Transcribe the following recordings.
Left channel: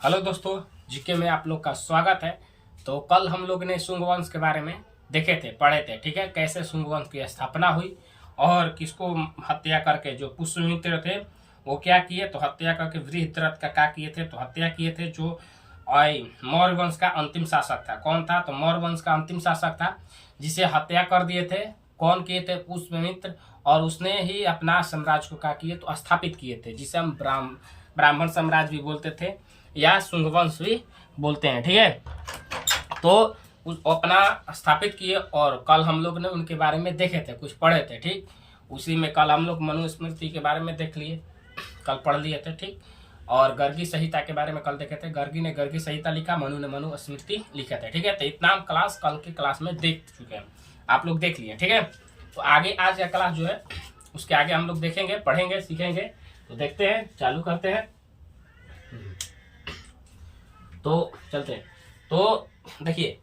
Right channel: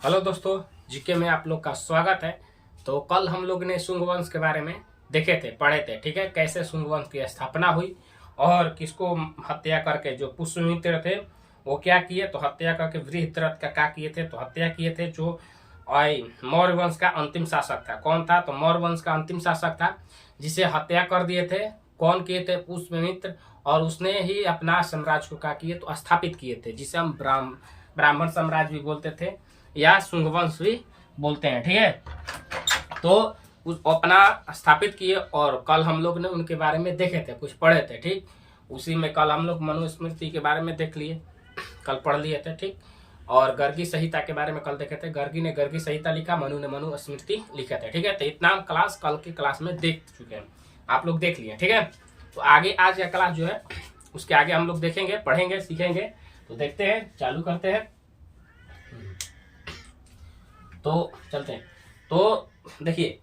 Hello दोस्तों, GK में आप लोग का स्वागत है। तो कल हम लोग ने शुंग वंश के बारे में देखे थे, पढ़े थे, ठीक है। कैसे शुंग वंश की स्थापना हुई और किसको हत्या करके जो पुष्यमित्र थे वो क्या किए, तो हत्या करके वृहद्रथ का क्या किए थे, तो हत्या किए थे। जो मौर्य वंश का अंतिम शासक था, कौन था, तो मौर्य वंश का अंतिम शासक था जिसे हत्या कर दिए थे। कौन किए थे, पुष्यमित्र। और उसने ही अपना साम्राज्य को क्या किए, तो स्थापित किए थे, जिसे हम ब्राह्मण साम्राज्य भी बोलते थे या शुंगवंश भी बोलते हैं, ठीक है। तो अपना स्थापित किए और कल हम लोग ने उनके बारे में देखे थे, कुछ पढ़े थे, ठीक। उसी में कल हम लोग मनुस्मृति के बारे में देख लिए, कल पढ़ लिए थे, ठीक। और गर्गी संहिता के बारे में कल देखे थे। गर्गी ने गर्गी संहिता लिखा, मनु ने मनुस्मृति लिखे थे, ठीक है। तो इतना हम क्लास कल की क्लास में देख चुके हैं, आप लोग देख लिए, ठीक है। तो आगे आज का क्लास जो है उसके आगे हम लोग देखेंगे, पढ़ेंगे, सीखेंगे। तो देखते हैं, चालू करते हैं। तो चलते हैं। तो देखिए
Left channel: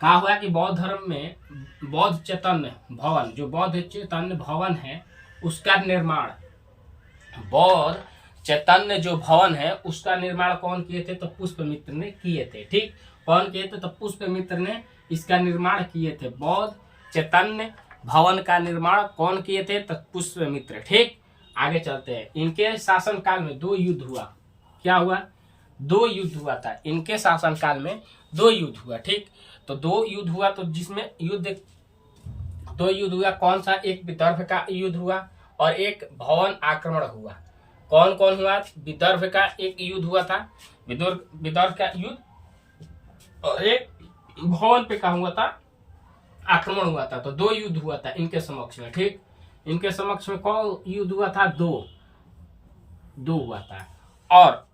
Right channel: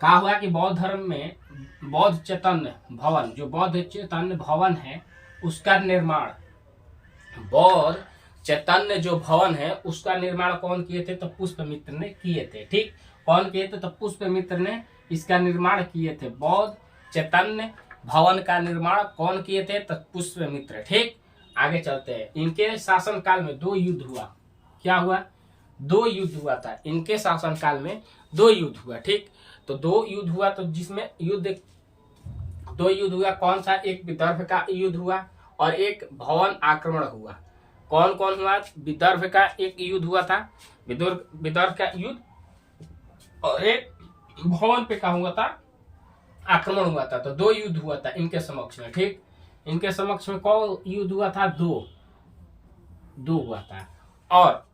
कहा हुआ कि बौद्ध धर्म में बौद्ध चैतन्य भवन, जो बौद्ध चैतन्य भवन है उसका निर्माण, बौद्ध चैतन्य जो भवन है उसका निर्माण कौन किए थे, तो पुष्यमित्र ने किए थे, ठीक। कौन किए थे, तो पुष्यमित्र ने इसका निर्माण किए थे। बौद्ध चैतन्य भवन का निर्माण कौन किए थे, तो पुष्यमित्र, ठीक। आगे चलते हैं। इनके शासन काल में 2 युद्ध हुआ। क्या हुआ, 2 युद्ध हुआ था इनके शासन काल में, 2 युद्ध हुआ, ठीक। तो 2 युद्ध हुआ, तो जिसमें 2 युद्ध हुआ। कौन सा, एक विदर्भ का युद्ध हुआ और एक भवन आक्रमण हुआ। कौन कौन हुआ, विदर्भ का एक युद्ध हुआ था, विदर्भ का युद्ध, और एक भवन पे का हुआ था, आक्रमण हुआ था। तो 2 युद्ध हुआ था इनके समक्ष में, ठीक। इनके समक्ष में कौन युद्ध हुआ था, 2 हुआ था। और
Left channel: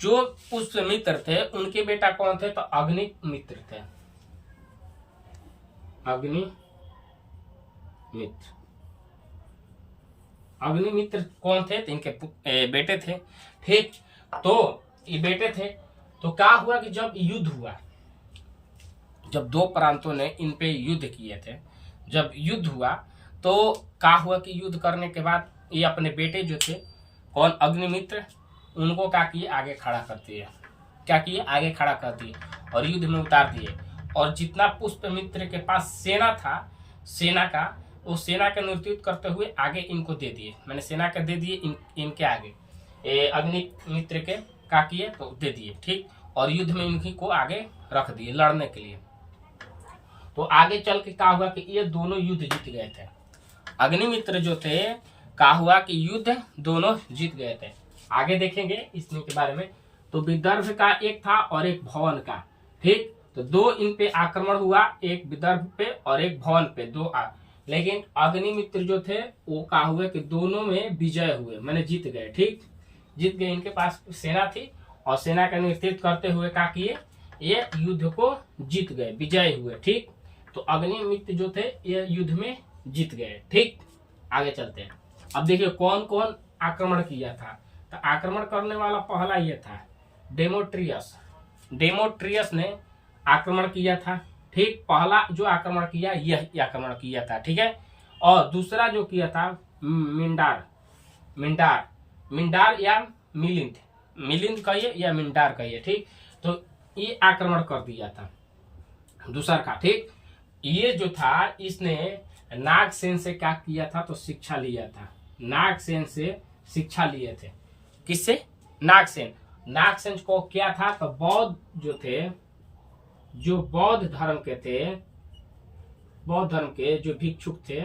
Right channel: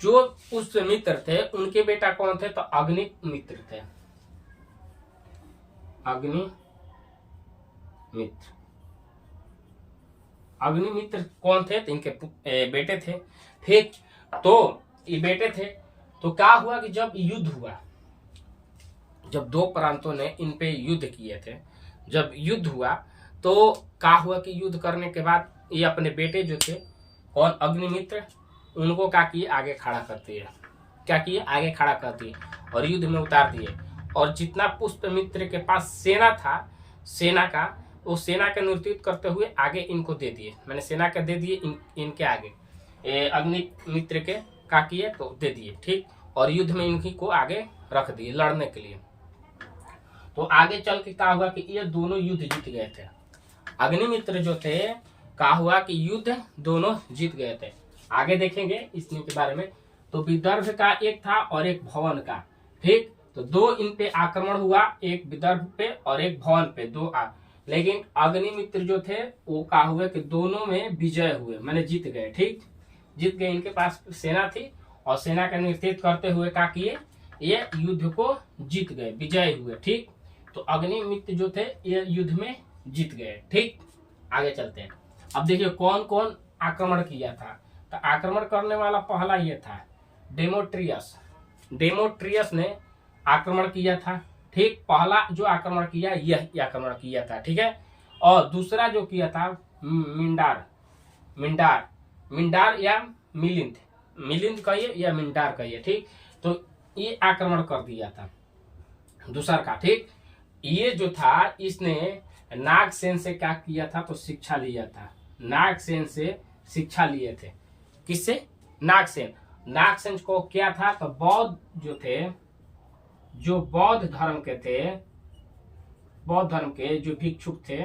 जो पुष्यमित्र थे उनके बेटा कौन थे, तो अग्निमित्र थे। अग्निमित्र कौन थे, तो इनके बेटे थे, ठीक। तो ये बेटे थे। तो क्या हुआ कि जब युद्ध हुआ, जब 2 प्रांतों ने इन पे युद्ध किए थे, जब युद्ध हुआ तो क्या हुआ कि युद्ध करने के बाद ये अपने बेटे जो थे, कौन, अग्निमित्र, उनको क्या किए, आगे खड़ा कर दिए। क्या किए, आगे खड़ा कर दिए और युद्ध में उतार दिए। और जितना पुष्यमित्र के पास सेना था, सेना का, वो सेना का नेतृत्व करते हुए आगे इनको दे दिए, मैंने सेना का दे दिए इनके आगे, अग्निमित्र के क्या किए, तो दे दिए, ठीक। और युद्ध में इनकी को आगे रख दिए लड़ने के लिए। तो आगे चल के क्या हुआ कि ये दोनों युद्ध जीत गए थे। अग्निमित्र जो थे, क्या हुआ कि युद्ध दोनों जीत गए थे। आगे देखेंगे इसके बारे में। तो विदर्भ का एक था और एक भवन का, ठीक। तो 2 इन पे आक्रमण हुआ, एक विदर्भ पे और एक भवन पे, 2 लेकिन अग्निमित्र जो थे वो क्या हुए कि दोनों में विजय हुए, मैंने जीत गए, ठीक। जीत गए, इनके पास सेना थी और सेना का नेतृत्व करते हुए क्या किए, ये युद्ध को जीत गए, विजय हुए, ठीक। तो अग्निमित्र जो थे ये युद्ध में जीत गए, ठीक। आगे चलते हैं। अब देखिए कौन कौन आक्रमण किया था। तो आक्रमण करने वाला पहला ये था डेमोट्रियस ने आक्रमण किया था, ठीक। पहला जो आक्रमण किया यह आक्रमण किया था, ठीक है। और दूसरा जो किया था मिंडार या मिलिंद कहिए या मिंडार कहिए, ठीक। तो ये आक्रमण कर दिया था दूसरा का, ठीक। ये जो था इसने नागसेन से क्या किया था, तो शिक्षा लिया था। नागसेन से शिक्षा लिए थे, किससे, नागसेन को क्या था, तो बौद्ध जो थे, जो बौद्ध धर्म के थे, बौद्ध धर्म के जो भिक्षुक थे,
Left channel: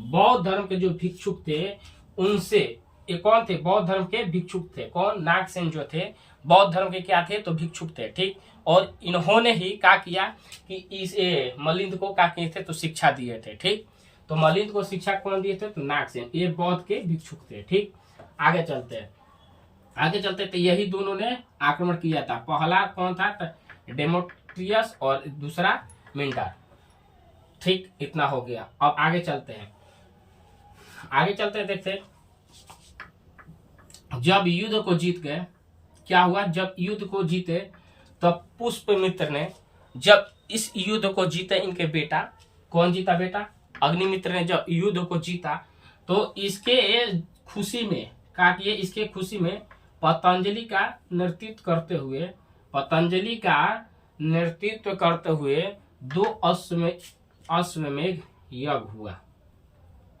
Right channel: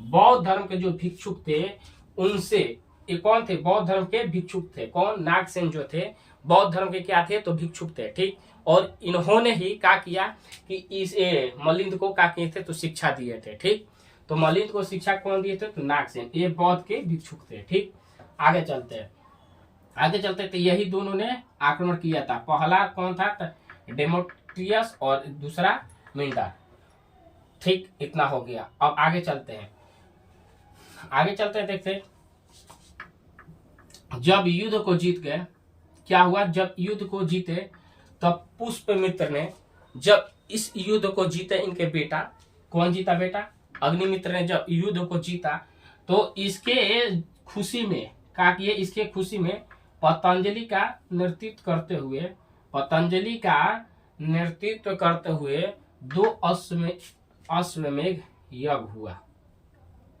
बौद्ध धर्म के जो भिक्षुक थे उनसे, ये कौन थे, बौद्ध धर्म के भिक्षुक थे। कौन, नागसेन जो थे बौद्ध धर्म के क्या थे, तो भिक्षुक थे, ठीक। और इन्होंने ही क्या किया कि इस मलिंद को क्या किए थे, तो शिक्षा दिए थे, ठीक। तो मलिंद को शिक्षा कौन दिए थे, तो नागसेन, ये बौद्ध के भिक्षुक थे, ठीक। आगे चलते तो यही दोनों ने आक्रमण किया था। पहला कौन था, तो डेमोट्रियस और दूसरा मिंडार, ठीक। इतना हो गया। अब आगे चलते हैं, देखते जब युद्ध को जीत गए, क्या हुआ, जब युद्ध को जीते तब पुष्यमित्र ने, जब इस युद्ध को जीते इनके बेटा, कौन जीता, बेटा अग्निमित्र ने जब युद्ध को जीता तो इसके खुशी में क्या किए, इसके खुशी में पतंजलि का नेतृत्व करते हुए 2 अश्वमेध यज्ञ हुआ।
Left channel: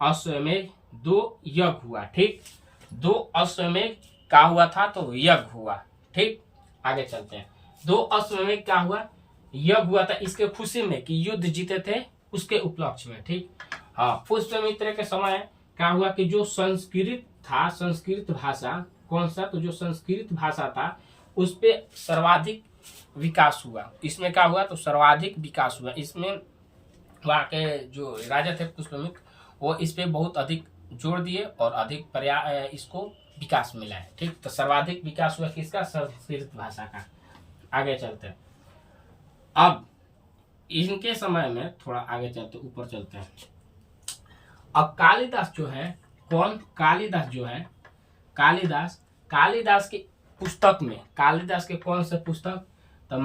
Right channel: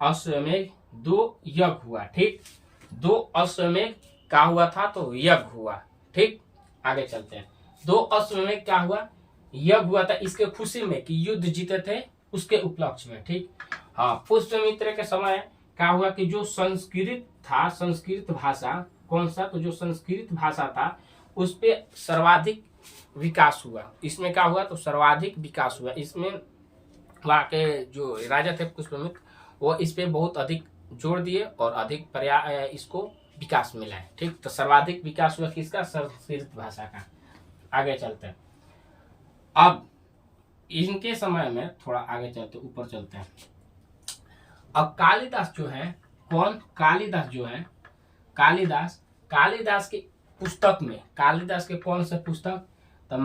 अश्वमेध 2 यज्ञ हुआ। ठीक, 2 अश्वमेध क्या हुआ था, तो यज्ञ हुआ। ठीक, आगे चलते हैं। 2 अश्वमेध क्या हुआ, यज्ञ हुआ था इसके खुशी में कि युद्ध जीते थे, उसके उपलक्ष्य में। ठीक, हाँ, पुष्यमित्र के समय क्या हुआ कि जो संस्कृत था, संस्कृत भाषा कौन सा, तो जो संस्कृत भाषा था उस पे सर्वाधिक विकास हुआ। इसमें क्या हुआ, तो सर्वाधिक विकास हुआ। इसमें वहाँ के जो राजा थे पुष्यमित्र, वो इस पे बहुत अधिक जोर दिए और अधिक इसको विकास मिला है। ठीक, तो सर्वाधिक विकास हुआ किसका, संस्कृत भाषा का। आगे चलते हैं। अब इनके समय में थोड़ा आगे चलते, ऊपर चलते हैं। अब कालिदास जो है, कौन, कालिदास जो है, कालिदास की पुस्तक में, कालिदास के कौन से पुस्तक, तो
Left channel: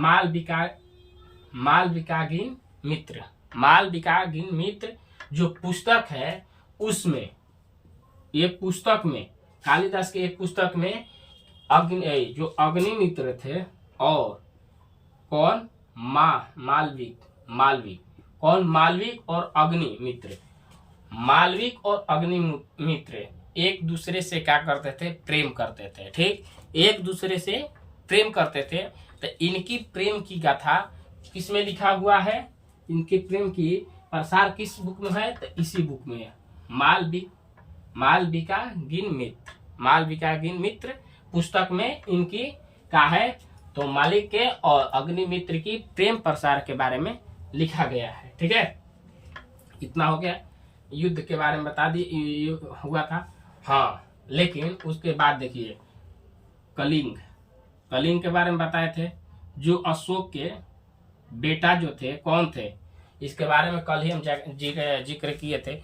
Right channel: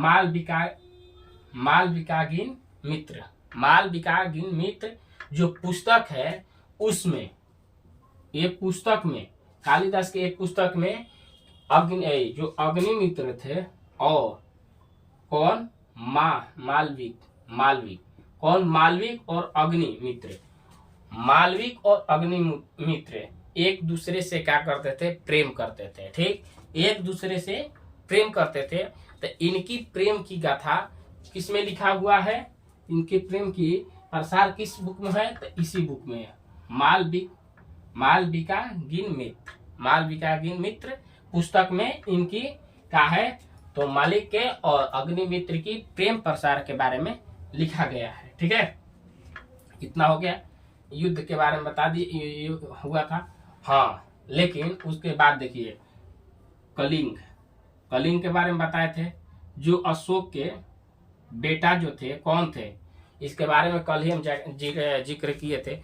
मालविकाग्नि मित्र जो पुस्तक है, उसमें ये पुस्तक में, कालिदास के एक पुस्तक में जो अग्निमित्र थे और कौन, मालविक और अग्निमित्र, मालविक और अग्निमित्र एक दूसरे से क्या करते थे, प्रेम करते थे। ठीक, एक दूसरे से प्रेम करते थे। तो इनकी प्रेम की गाथा किस में लिखा हुआ है, इनके प्रेम की प्रसार किस बुक में है, तो इसी बुक में है, मालविकाग्नि मित्र पुस्तक में इनकी क्या है, तो मालिक के और अग्निमित्र की प्रेम प्रसार के बारे में लिखा गया है। ठीक है, इतना हो गया। युद्ध के बारे में बता दिए हुआ था। हाँ, लेकिन उसके बाद देखिए कलिंग के बारे में बताए थे। जो अशोक के बेटा जो थे, कौन थे, इसके बारे में कल ही हम जिक्र किए थे।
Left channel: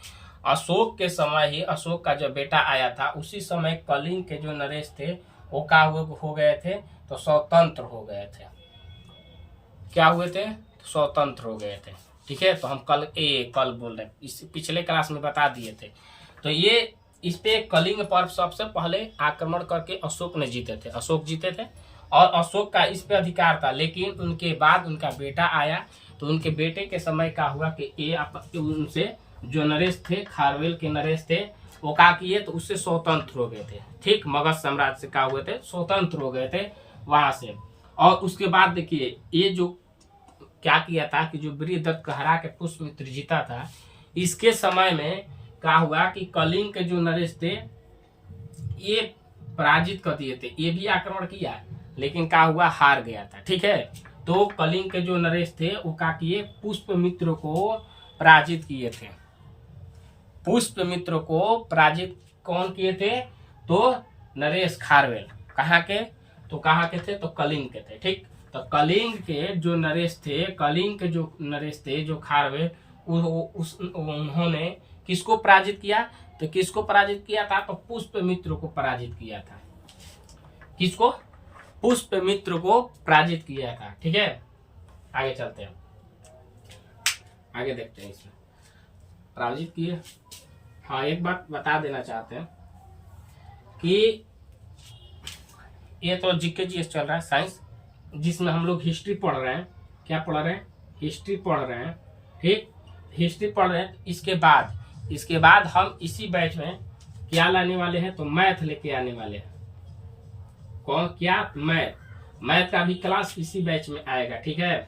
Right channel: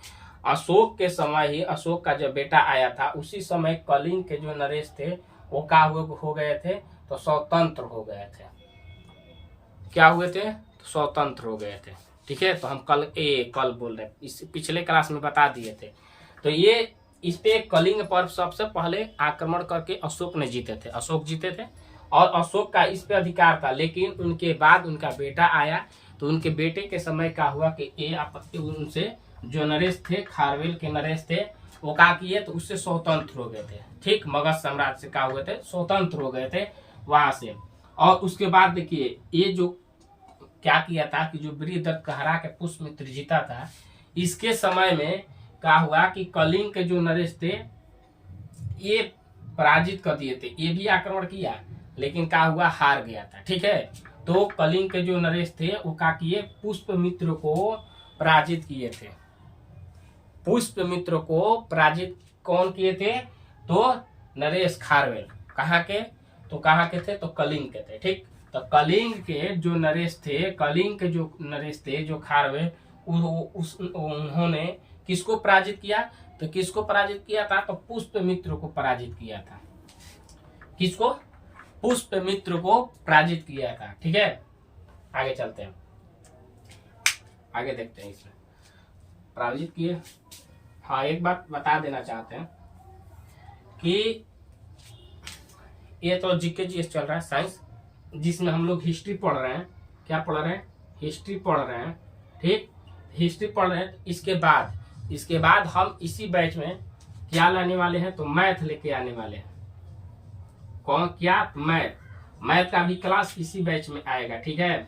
अशोक के समय ही अशोक का जब बेटा आया था, उसी समय कलिंग के जो नरेश थे वो क्या हो गए थे, तो स्वतंत्र हो गए थे। क्या हुए थे, तो स्वतंत्र हो गए थे। ठीक है, तो हम कल बोल रहे हैं, इस पिछले क्लास में बता दिए थे। तो ये इस पे कलिंग पर सबसे पहले आक्रमण करके अशोक ने अशोक जीते थे और अशोक का इस पे अधिकार था। लेकिन उनके बाद उनका बेटा आया, तो उनके बेटे के समय क्या हुआ कि ये उनसे जो नरेश थे, खारवेल के नरेश थे, वो क्या किए, तो उससे स्वतंत्र हो गए थे। ठीक, मगध साम्राज्य से क्या हुए थे, स्वतंत्र हो गए थे वहां से। और उसके बाद देखिए ये जो क्या किया था कि जो बृहदत्त को हरा के पुष्यमित्र जीता था, इसके समय में क्या हुआ कि कलिंग के जो नरेश थे ये पराजित कर दिए थे। ये भी आक्रमण किया, लेकिन क्या हुआ, हार गया था। ठीक है, तो कलिंग के जो नरेश थे वो क्या किए, पुष्यमित्र को पराजित किए थे। पुष्यमित्र को पराजित कौन किए थे, तो नरेश खारवेल। कहाँ के, तो कहाँ के थे, तो कलिंग के थे। ठीक, तो कलिंग के जो नरेश थे, जो खारवेल, उन्होंने किसको पराजित किया, तो किसको पराजित किया था, तो पुष्यमित्र को पराजित किया था। किसको, पुष्यमित्र को पराजित किया था। ठीक है, आगे चलते हैं, आगे देखते हैं इसमें पराजित किए। हाँ, एक बात बता देना चाहते हैं कि ये तो जीके चल रहा है, साइंस, जिसमें हम लोग हिस्ट्री पढ़ रहे हैं। क्या पढ़ रहे हैं, हिस्ट्री पढ़ रहे हैं। ठीक, हिस्ट्री पढ़ रहे हैं। इसके बाद हम इसी बैच में क्या लाने वाले हैं, तो मैथ लेके आने वाले हैं। कौन, क्या, मैथ का भी क्लास इसी बैच में आएगा। ठीक है,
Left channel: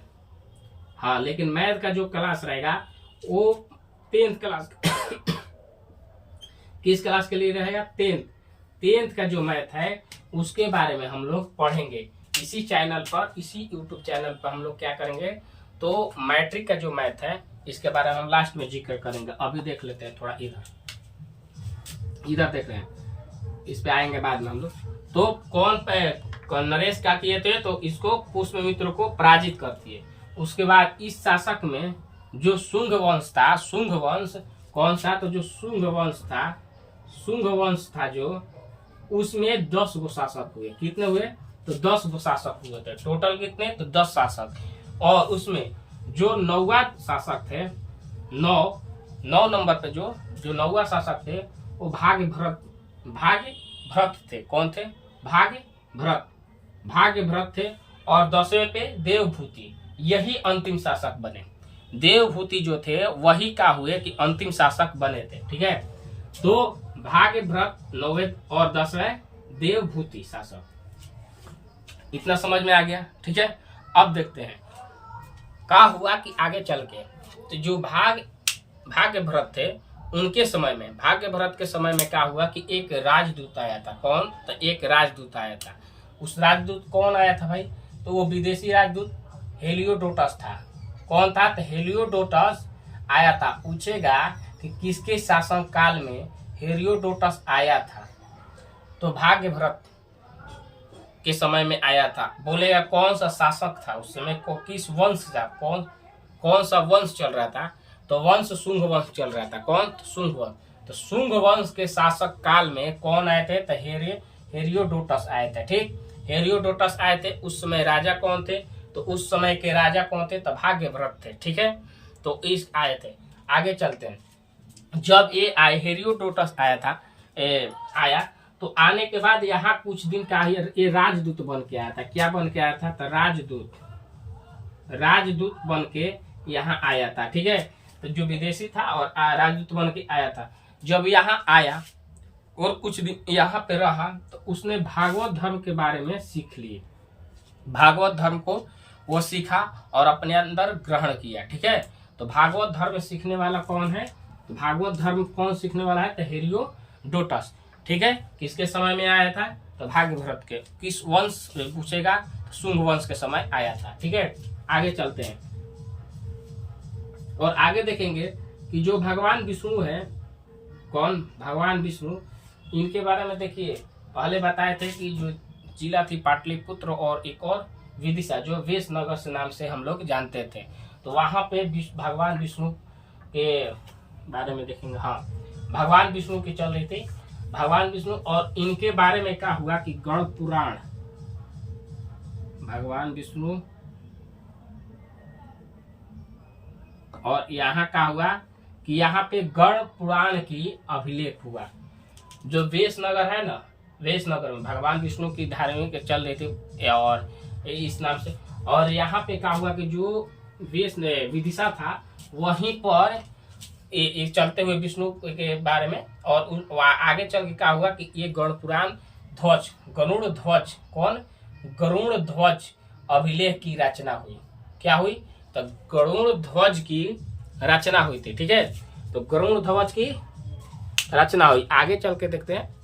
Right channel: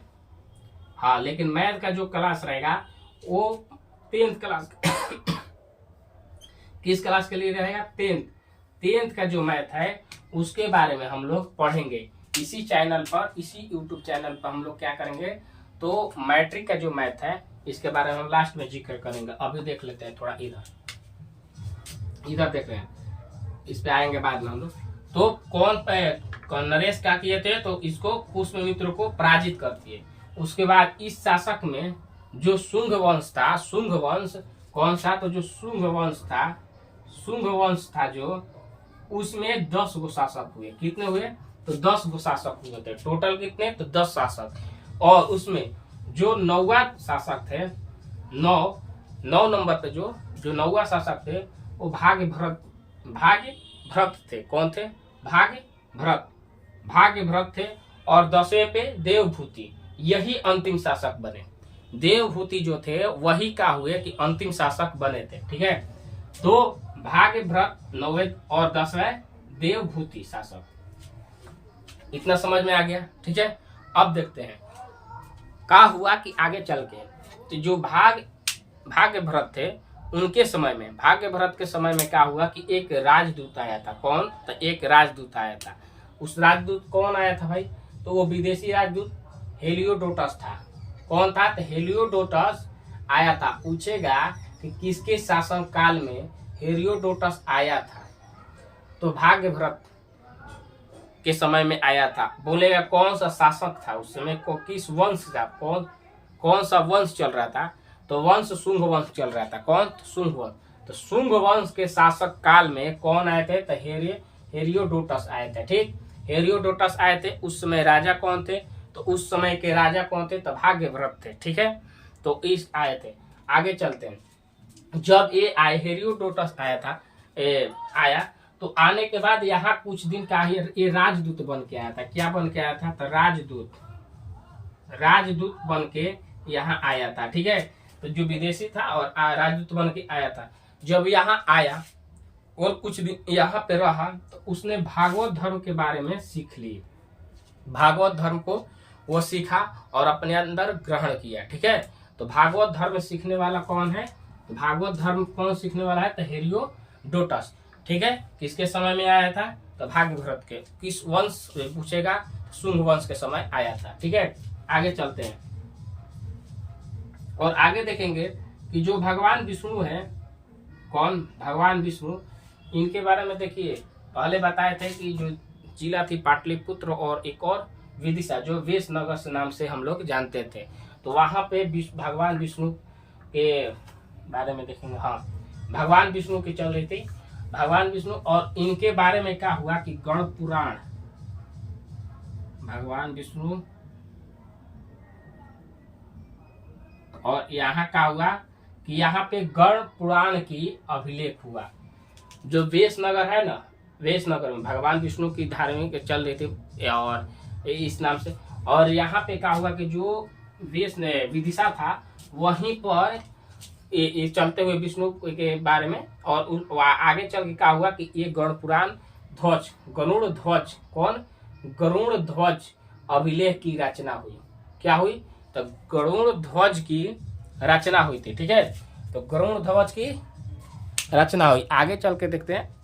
हाँ, लेकिन मैथ का जो क्लास रहेगा वो 10th क्लास किस क्लास के लिए रहेगा, 10th का जो मैथ है उसके बारे में हम लोग पढ़ेंगे इसी चैनल पर, इसी YouTube चैनल पर। हम लोग क्या करेंगे, तो मैट्रिक का जो मैथ है इसके बारे में हम लास्ट में जिक्र करेंगे। अभी देख लेते हैं थोड़ा, इधर देख रहे हैं, इस पे आएंगे बाद में हम लोग। तो कौन नरेश क्या किए थे, तो इसको पुष्यमित्र को पराजित कर दिए। उसके बाद इस शासक में जो शुंग वंश था, शुंग वंश कौन सा, तो जो शुंग वंश था जो, उसमें 10 गो शासक हुए। कितने हुए, तो 10 गो शासक हुए थे। टोटल कितने, तो 10 शासक। और उसमें जो 9वां शासक थे, 9 नंबर पे जो 9वां शासक थे, वो भाग्य भरत भाग्य भरत थे। कौन थे? भाग्य भरत। भाग्य भरत थे। और 10वें पे देवभूति, यही अंतिम शासक बने। देवभूति जो थे वही क्या हुए कि अंतिम शासक बने थे। ठीक है, तो भाग्य भरत 9वें और 10वें देवभूति शासक। इतना समझ में आ गया? ठीक है, अब देखते हैं क्या हुआ कि आगे चल के तो जो भाग्य भरत थे उनके समय में, भाग्य भरत के समय में क्या हुआ कि एक राजदूत आया था। कौन? तो एक राजदूत आया था। उस राजदूत कौन आया था भाई? तो वो विदेशी राजदूत हेलियोडोटस था। कौन था? तो हेलियोडोटस आया था। पूछेगा कि किसके शासन काल में हेलियोडोटस आया था? तो भाग्य भरत के समय में आया था। बोलेगा कौन सा शासक था उस समय को, किस वंश का, कौन सा वंश चल रहा था? तो वंश शुंग वंश चल रहा था। कौन? तो शुंग वंश। तो शुंग वंश के शासक काल में कौन आए थे? तो हेरियोडोटस आए थे। ठीक, हेरियोडोटस आए थे। उस समय राजा कौन थे? तो उस समय के राजा कौन थे? तो भाग्य भरत थे। ठीक है, तो इस आए थे। आगे चलते हैं। जब ये आए, हेरियोडोटस आया था, आया तो आने के बाद यहाँ कुछ दिन का ये राजदूत बन के आया था। क्या बन के आया था? तो राजदूत बन के यहाँ आया था। ठीक है, तो जो विदेशी था और राजदूत बन के आया था। जब यहाँ आया और कुछ दिन यहाँ पे रहा तो उसने भागवत धर्म के बारे में सीख ली। भागवत धर्म को वो सीखा और अपने अंदर ग्रहण किया। ठीक है, तो भागवत धर्म सीखने वाला कौन है? तो भागवत धर्म कौन सीखने वाला है? तो हेरियोडोटस। ठीक है, किसके समय में आया था? तो भाग्य भरत के। किस वंश पूछेगा? तो शुंग वंश के समय आया था। ठीक है, आगे चलते हैं और आगे देखेंगे कि जो भगवान विष्णु है, कौन? भगवान विष्णु, इनके बारे में देखिए। पहले बताए थे कि जो जिला थी पाटलिपुत्र और एक और विदिशा, जो वेशनगर से नाम से हम लोग जानते थे। तो वहां पे भगवान विष्णु के बारे में देखेंगे। हाँ, भगवान विष्णु की चल रही थी। भगवान विष्णु और इनके बारे में क्या हुआ कि गण पुराण, भगवान विष्णु और यहाँ क्या हुआ कि यहाँ पे गण पुराण की अभिलेख हुआ। जो वेशनगर है ना, वेशनगर में भगवान विष्णु की धार्मिक चल रही थी और इस नाम से। और यहाँ पे क्या हुआ कि जो विदिशा था वहीं पर ये चलते हुए विष्णु के बारे में। और आगे चल के क्या हुआ कि ये गण पुराण ध्वज, गरुड़ ध्वज, कौन? गरुड़ ध्वज अभिलेख की रचना हुई। क्या हुई? तो गरुड़ ध्वज की रचना हुई थी। ठीक है, तो गरुड़ ध्वज की रचना हुई। आगे चल के देखते हैं।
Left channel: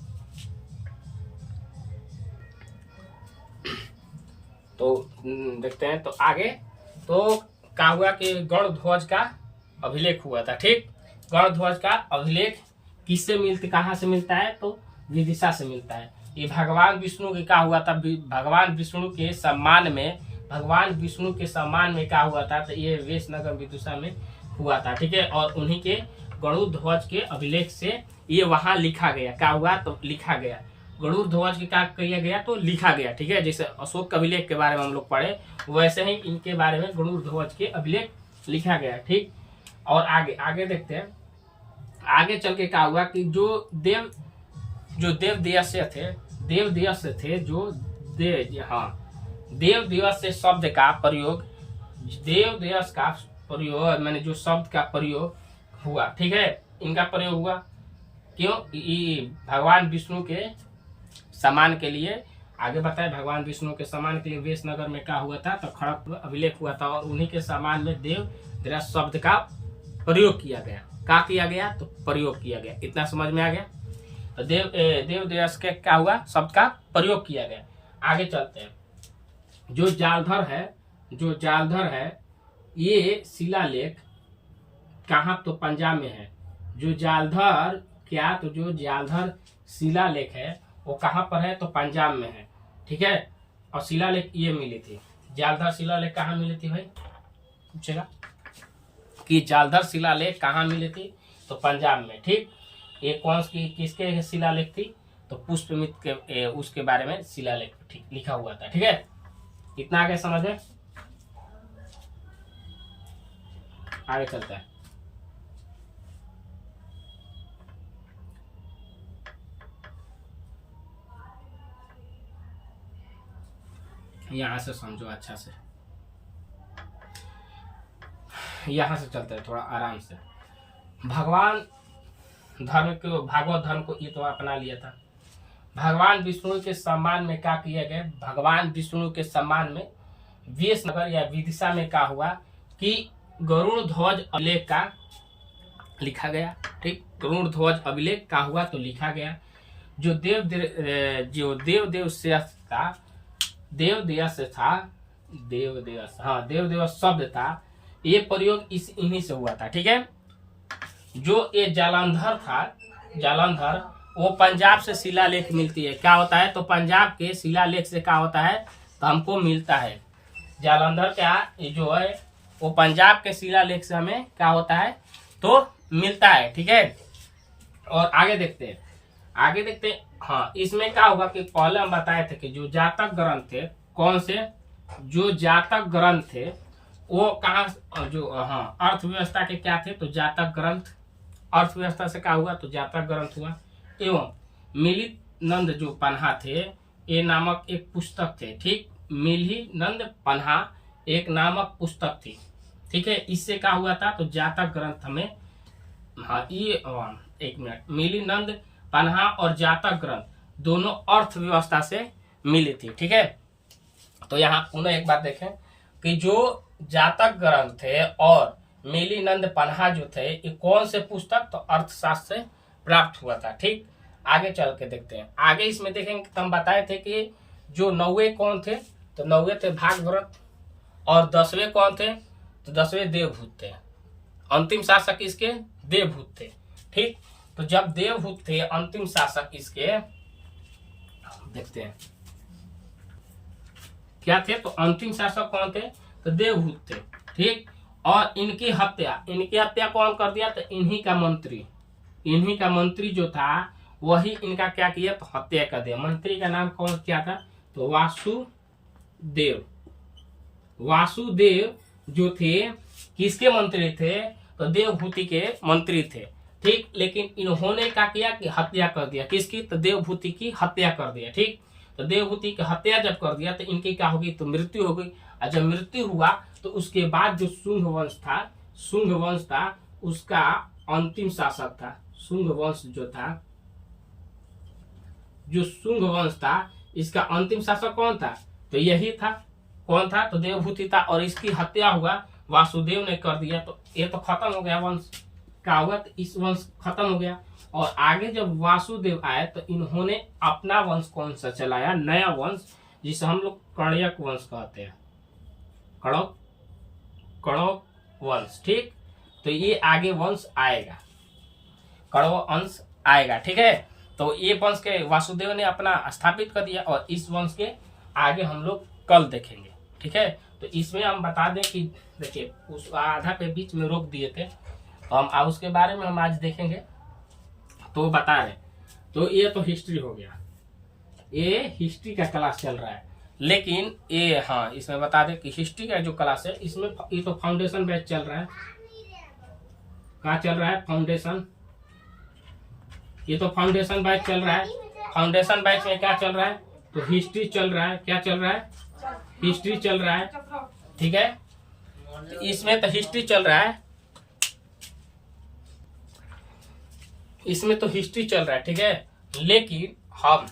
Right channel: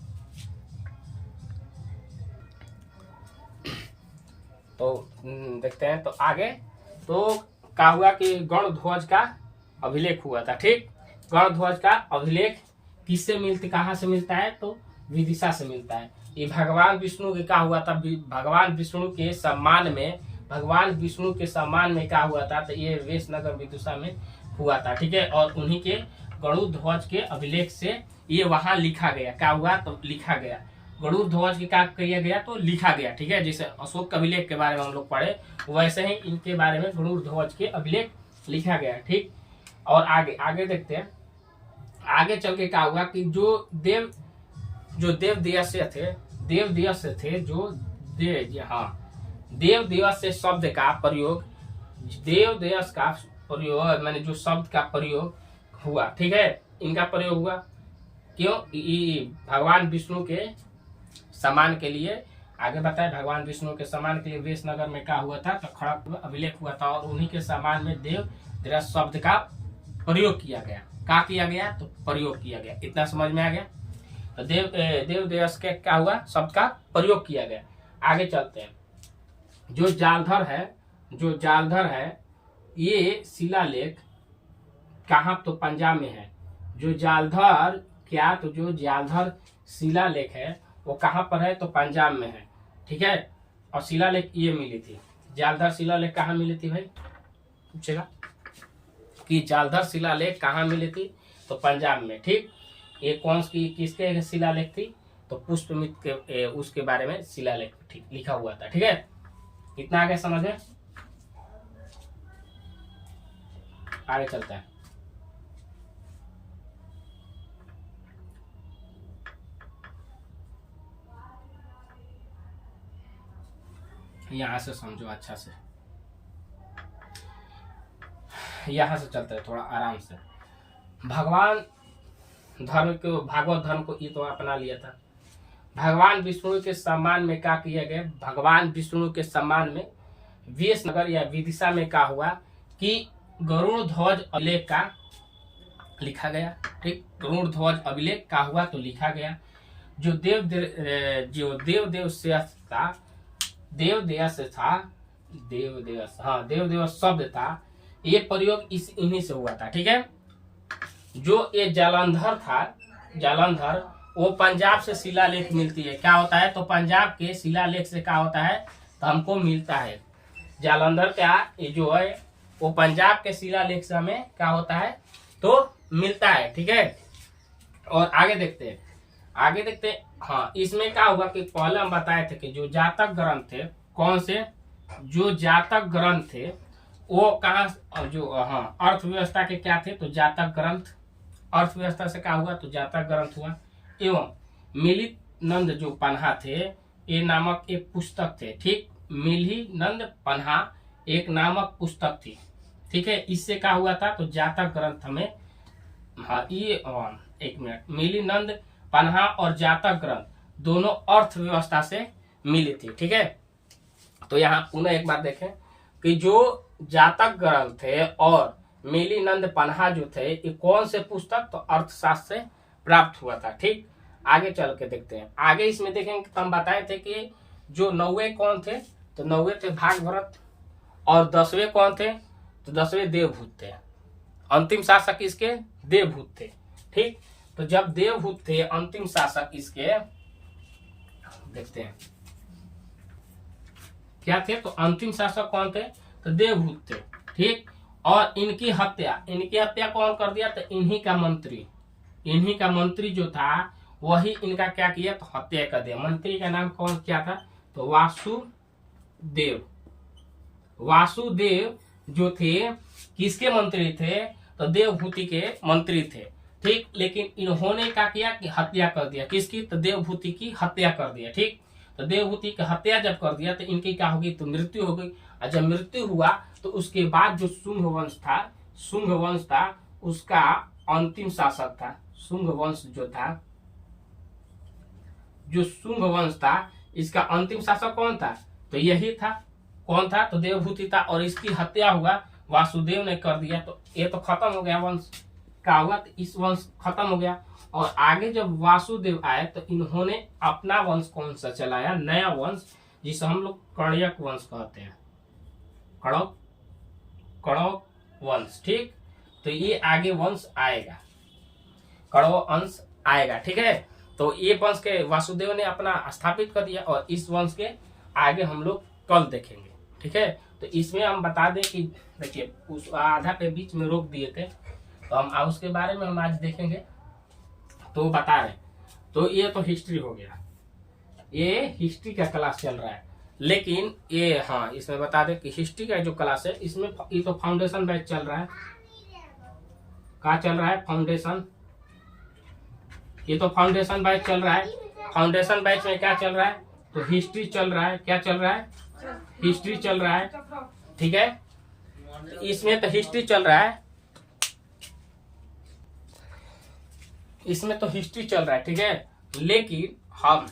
तो देखते हैं तो आगे तो क्या हुआ कि गण ध्वज का अभिलेख हुआ था। ठीक, गण ध्वज का अभिलेख किससे मिलता, कहाँ से मिलता है? तो विदिशा से मिलता है। ये भगवान विष्णु के क्या हुआ था? भगवान विष्णु के सम्मान में, भगवान विष्णु के सम्मान में क्या हुआ था? तो ये वेशनगर विदिशा में हुआ था। ठीक है, और उन्हीं के गरुड़ ध्वज के अभिलेख से ये वहां लिखा गया। क्या हुआ? तो लिखा गया। गरुड़ ध्वज के क्या किया गया? तो लिखा गया। ठीक है, जैसे अशोक अभिलेख के बारे में हम लोग पढ़े, वैसे ही इनके बारे में गरुड़ ध्वज के अभिलेख लिखा गया। ठीक, और आगे देखते हैं। आगे चल के क्या हुआ कि जो देव दिवस थे, जो देव दिवस से शब्द का प्रयोग, देव दिवस का प्रयोग मैंने जो शब्द का प्रयोग हुआ। ठीक है, इनका प्रयोग हुआ क्यों? भगवान विष्णु के सम्मान के लिए। आगे बताए, भगवान विष्णु के सम्मान के लिए वेशनगर में क्या हुआ था? तो खड़गपुर अभिलेख हुआ था और उन्हीं के सम्मान में देव दिवस शब्द का प्रयोग किया गया। क्या किया गया? तो प्रयोग किया गया। इतना समझ में आ गया? तो देव दिवस के क्या हुआ? शब्द का प्रयोग किया गया। आगे चलते हैं। जो जालधर है ये शिलालेख कहाँ? तो पंजाब में है। जो जालधर शिलालेख है वो कहाँ पर है? तो पंजाब में है। ठीक है, और शिलालेख ये मिली थी। जालधर शिलालेख कहाँ मिली थी भाई? पूछेगा कि जालधर शिलालेख कहाँ मिली थी? तो पंजाब में। ठीक, ये कौन सी किसके शिलालेख थी? तो पुष्पमित्र के उसके बारे में शिलालेख ठीक लिखा हुआ था। ठीक है, इतना आगे समझ में। आगे चलता है। यहां से समझो अच्छा से, यहां से चलते हैं थोड़ा आराम से। भगवान धर्म को, भागवत धर्म को ये तो अपना लिया था। भगवान विष्णु के सम्मान में क्या किया गया, भगवान विष्णु के सम्मान में वेशनगर या विदिशा में क्या हुआ कि गरुड़ ध्वज अभिलेख का लिखा गया। ठीक, गरुड़ ध्वज अभिलेख का हुआ तो लिखा गया। जो देव शब्द था, ये प्रयोग इन्हीं से हुआ था। ठीक है, जो ये जालंधर था, जालंधर, वो पंजाब से शिलालेख मिलती है। क्या होता है, तो पंजाब के शिलालेख से क्या होता है तो हमको मिलता है। जालंधर क्या ये जो है वो पंजाब के शिलालेख से हमें क्या होता है तो मिलता है। ठीक है, और आगे देखते हैं, आगे देखते हैं। हाँ, इसमें क्या हुआ कि पहले हम बताए थे कि जो जातक ग्रंथ थे, कौन से, जो जातक ग्रंथ थे वो कहाँ, जो हाँ अर्थव्यवस्था के क्या थे तो जातक ग्रंथ, अर्थव्यवस्था से क्या हुआ तो जातक ग्रंथ हुआ। एवं मिलित नंद जो पन्हा थे, ये नामक एक पुस्तक थे। ठीक, मिली नंद पन्हा एक नामक पुस्तक थी। ठीक है, इससे क्या हुआ था तो जातक ग्रंथ हमें, हाँ ये एक मिनट, मिली नंद पन्हा और जातक ग्रंथ दोनों अर्थव्यवस्था से मिली थी। ठीक है, तो यहाँ पुनः एक बार देखें कि जो जातक ग्रंथ थे और मिली नंद पन्हा जो थे ये कौन से पुस्तक तो अर्थशास्त्र से प्राप्त हुआ था। ठीक, आगे चल के देखते हैं। आगे इसमें देखेंगे तो हम बताए थे कि जो 9वें कौन थे तो 9वें थे भागभरत, और 10वें कौन थे तो 10वें देवभूत थे। अंतिम शासक इसके देवभूत थे। ठीक, तो जब देवभूत थे अंतिम शासक इसके, देखते हैं क्या थे तो अंतिम शासक कौन थे तो देवभूत थे। ठीक, और इनकी हत्या कौन कर दिया तो इन्हीं का मंत्री जो था वही इनका क्या किया तो हत्या कर दिया। मंत्री का नाम कौन क्या था तो वासुदेव जो थे किसके मंत्री थे तो देवभूति के मंत्री थे। ठीक, लेकिन इन्होंने क्या किया कि हत्या कर दिया, किसकी तो देवभूति की हत्या कर दिया। ठीक, तो देवभूति की हत्या जब कर दिया तो इनकी क्या होगी तो मृत्यु हो गई। और जब मृत्यु हुआ तो उसके बाद जो शुंग वंश था उसका अंतिम शासक था। शुंग वंश था इसका अंतिम शासक कौन था तो यही था। कौन था तो देवभूति था, और इसकी हत्या हुआ वासुदेव ने कर दिया। तो ये तो खत्म हो गया वंश, क्या हुआ तो इस वंश खत्म हो गया। और आगे जब वासुदेव आए तो इन्होंने अपना वंश कौन सा चलाया, नया वंश, जिसे हम लोग कण्यक वंश कहते हैं, कण्व वंश। ठीक, तो ये आगे वंश आएगा, कण्व वंश आएगा। ठीक है, तो ये वंश के वासुदेव ने अपना स्थापित कर दिया, और इस वंश के आगे हम लोग कल देखेंगे। ठीक है, तो इसमें हम बता दें कि देखिए उस आधा के बीच में रोक दिए थे, तो हम उसके बारे में हम आज देखेंगे तो बता रहे। तो ये तो हिस्ट्री हो गया, ये हिस्ट्री का क्लास चल रहा है। लेकिन ये हाँ इसमें बता दें कि हिस्ट्री का जो क्लास है इसमें ये तो फाउंडेशन बैच चल रहा है। क्या चल रहा है फाउंडेशन, ये तो फाउंडेशन बैच चल रहा है। फाउंडेशन बैच में क्या चल रहा है तो हिस्ट्री चल रहा है। क्या चल रहा है हिस्ट्री चल रहा है। ठीक है, तो इसमें तो हिस्ट्री चल रहा है, इसमें तो हिस्ट्री चल रहा है। ठीक है, लेकिन हम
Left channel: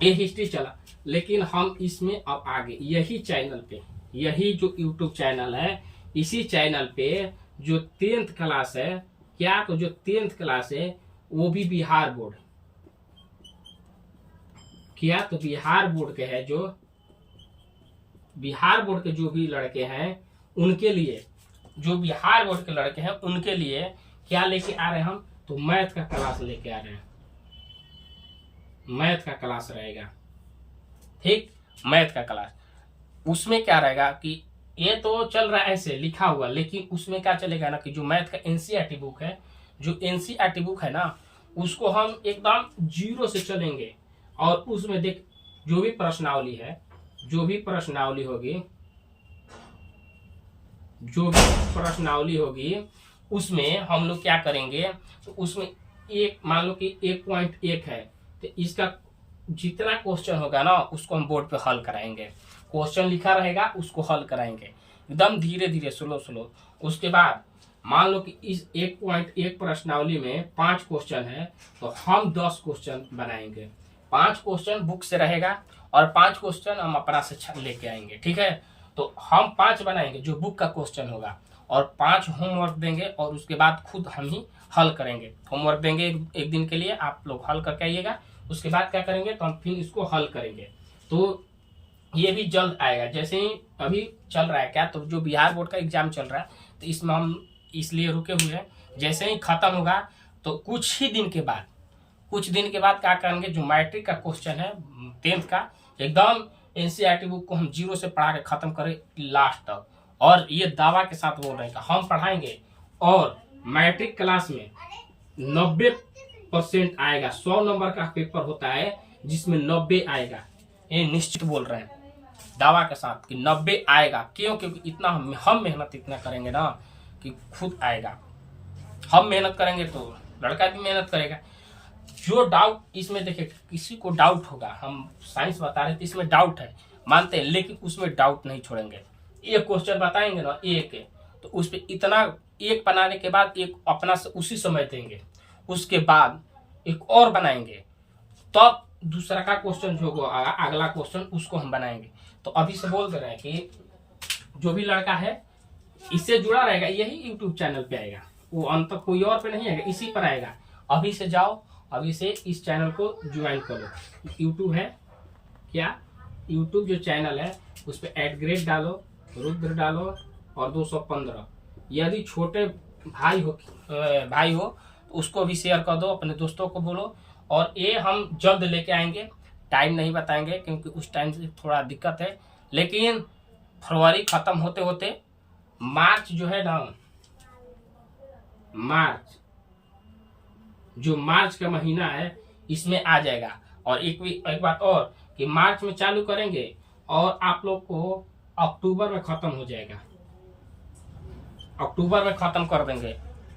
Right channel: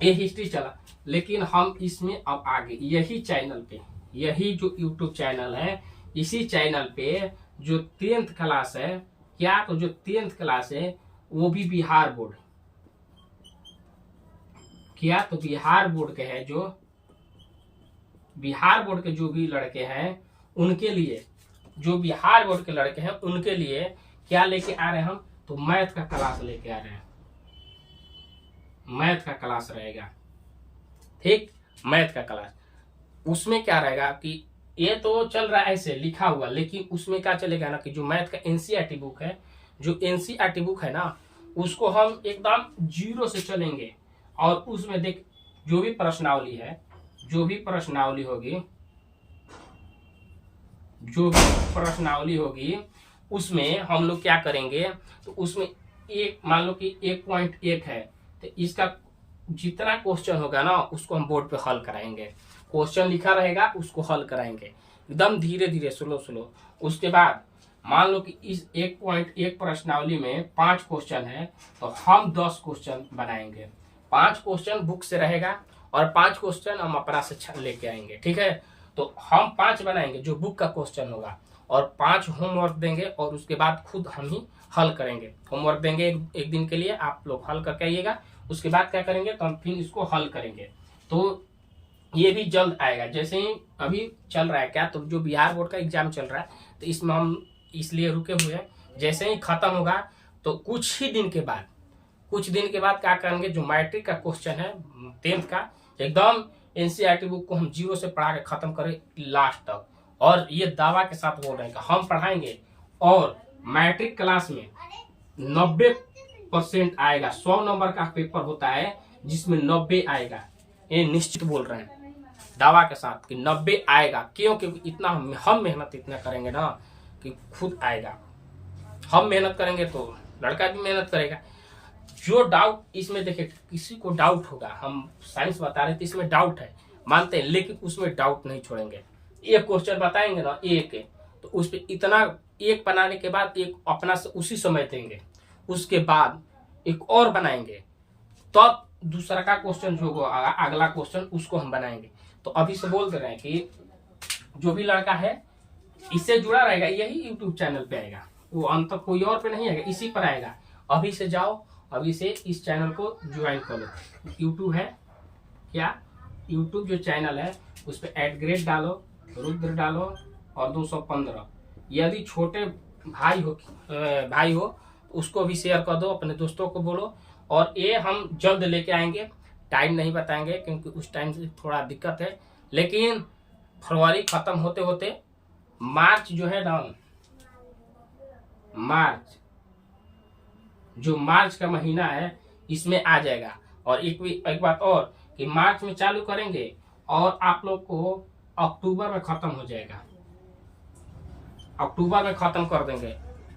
ये हिस्ट्री चला, लेकिन हम इसमें अब आगे यही चैनल पे, यही जो यूट्यूब चैनल है, इसी चैनल पे जो 10th क्लास है, क्या तो जो 10th क्लास है वो भी बिहार बोर्ड, क्या तो बिहार बोर्ड के है, जो बिहार बोर्ड के जो भी लड़के हैं उनके लिए, जो बिहार बोर्ड के लड़के हैं उनके लिए क्या लेके आ रहे हैं हम तो मैथ का क्लास लेके आ रहे हैं। मैथ का क्लास रहेगा। ठीक, मैथ का क्लास, उसमें क्या रहेगा कि ये तो चल रहा है ऐसे लिखा हुआ, लेकिन उसमें क्या चलेगा ना कि जो मैथ का एनसीईआरटी बुक है, जो एनसीईआरटी बुक है ना, उसको हम एकदम 0 से चलेंगे, और उसमें देख जो भी प्रश्नावली है, जो भी प्रश्नावली होगी उसमें हम लोग क्या करेंगे तो उसमें एक मान लो कि 1.1 है तो इसका जितना क्वेश्चन होगा ना उसको हम बोर्ड पे हल कराएंगे। क्वेश्चन लिखा रहेगा उसको हल कराएंगे एकदम धीरे धीरे, स्लो स्लो। उसके बाद मान लो कि इस 1.1 प्रश्नावली में 5 क्वेश्चन है तो हम 10 क्वेश्चन बनाएंगे। 5 क्वेश्चन बुक से रहेगा और 5 क्वेश्चन हम अपना से लेके आएंगे, ठीक है। तो हम 5 बनाएंगे जो बुक का क्वेश्चन होगा और 5 होमवर्क देंगे और उसके बाद खुद हम ही हल करेंगे। होमवर्क देंगे एक दिन के लिए, आप लोग हल करके आइएगा। उसके बाद क्या करेंगे तो हम फिर इसको हल करेंगे। तो ये भी जल्द आएगा। जैसे ही अभी चल रहा है क्या, तो जो बिहार बोर्ड का एग्जाम चल रहा है तो इसमें हम इसलिए रुके हुए हैं। जैसे ही खत्म होगा तो कुछ दिन के बाद क्या करेंगे, जो मैट्रिक का क्वेश्चन है 10th का, एकदम एनसीईआरटी बुक को हम 0 से पढ़ा के खत्म करें लास्ट तक। और ये दावा के साथ बोल रहे हैं कि हम पढ़ाएंगे और मैट्रिक क्लास में 90% आएगा। 100 नंबर का पेपर होता है जिसमें 90 आएगा, ये निश्चित बोल रहे हैं दावा के साथ कि 90 आएगा। क्यों? क्योंकि इतना हम मेहनत इतना करेंगे ना कि खुद आएगा। हम मेहनत करेंगे तो लड़का भी मेहनत करेगा। जो डाउट इसमें देखिए, किसी को डाउट होगा, हम साइंस बता रहे थे इसमें डाउट है मानते हैं, लेकिन उसमें डाउट नहीं छोड़ेंगे। एक क्वेश्चन बताएंगे ना एक तो उस पर इतना एक बनाने के बाद एक अपना से उसी समय देंगे, उसके बाद एक और बनाएंगे, तब दूसरा का क्वेश्चन जो होगा अगला क्वेश्चन उसको हम बनाएंगे। तो अभी से बोल दे रहे हैं कि जो भी लड़का है इससे जुड़ा रहेगा, यही यूट्यूब चैनल पे आएगा, वो अंत कोई और पे नहीं आएगा, इसी पर आएगा। अभी से जाओ, अभी से इस चैनल को ज्वाइन करो। यूट्यूब है क्या, यूट्यूब जो चैनल है उस पर @ग्रेड रुद्र डालो और 215। यदि छोटे भाई हो तो उसको भी शेयर कर दो, अपने दोस्तों को बोलो। और ये हम जल्द लेके आएंगे, टाइम नहीं बताएंगे क्योंकि उस टाइम से थोड़ा दिक्कत है, लेकिन फरवरी खत्म होते होते मार्च जो है ना, मार्च का महीना है इसमें आ जाएगा। और एक बात और कि मार्च में चालू करेंगे और आप लोग को अक्टूबर में खत्म हो जाएगा, अक्टूबर में खत्म कर देंगे,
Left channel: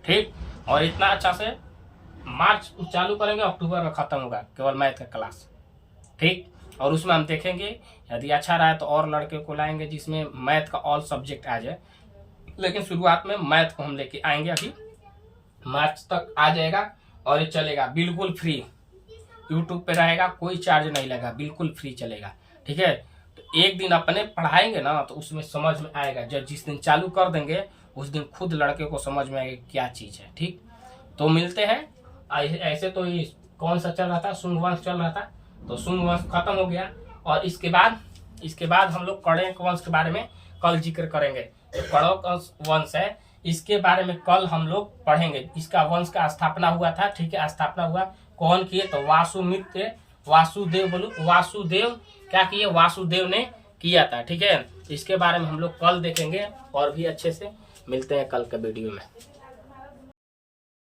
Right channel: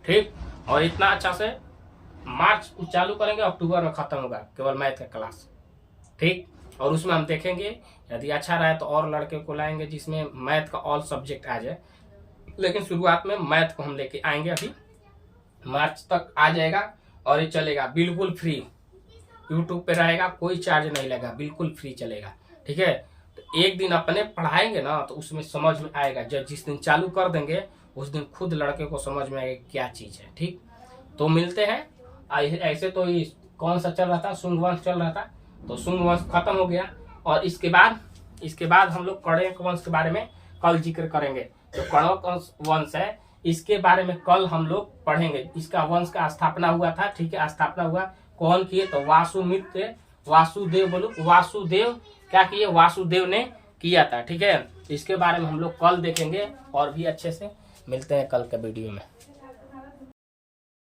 ठीक। और इतना अच्छा से मार्च चालू करेंगे, अक्टूबर में खत्म होगा केवल मैथ का क्लास, ठीक। और उसमें हम देखेंगे यदि अच्छा रहा तो और लड़के को लाएंगे जिसमें मैथ का ऑल सब्जेक्ट आ जाए, लेकिन शुरुआत में मैथ को हम लेके आएंगे। अभी मार्च तक आ जाएगा और ये चलेगा बिल्कुल फ्री, यूट्यूब पे रहेगा, कोई चार्ज नहीं लगेगा, बिल्कुल फ्री चलेगा, ठीक है। तो एक दिन अपने पढ़ाएंगे ना तो उसमें समझ में आएगा। जब जिस दिन चालू कर देंगे उस दिन खुद लड़के को समझ में आएगा क्या चीज़ है, ठीक। तो मिलते हैं। ऐसे तो ये कौन सा चल रहा था, शुंग वंश चल रहा था, तो शुंग वंश खत्म हो गया। और इसके बाद हम लोग कण्व वंश के बारे में कल जिक्र करेंगे। तो कण्व वंश है, इसके बारे में कल हम लोग पढ़ेंगे। इसका वंश का स्थापना हुआ था, ठीक है। स्थापना हुआ कौन किए तो वासुदेव क्या किए, वासुदेव ने किया था, ठीक है। इसके बारे में हम लोग कल देखेंगे और भी अच्छे से। मिलते हैं कल के वीडियो में।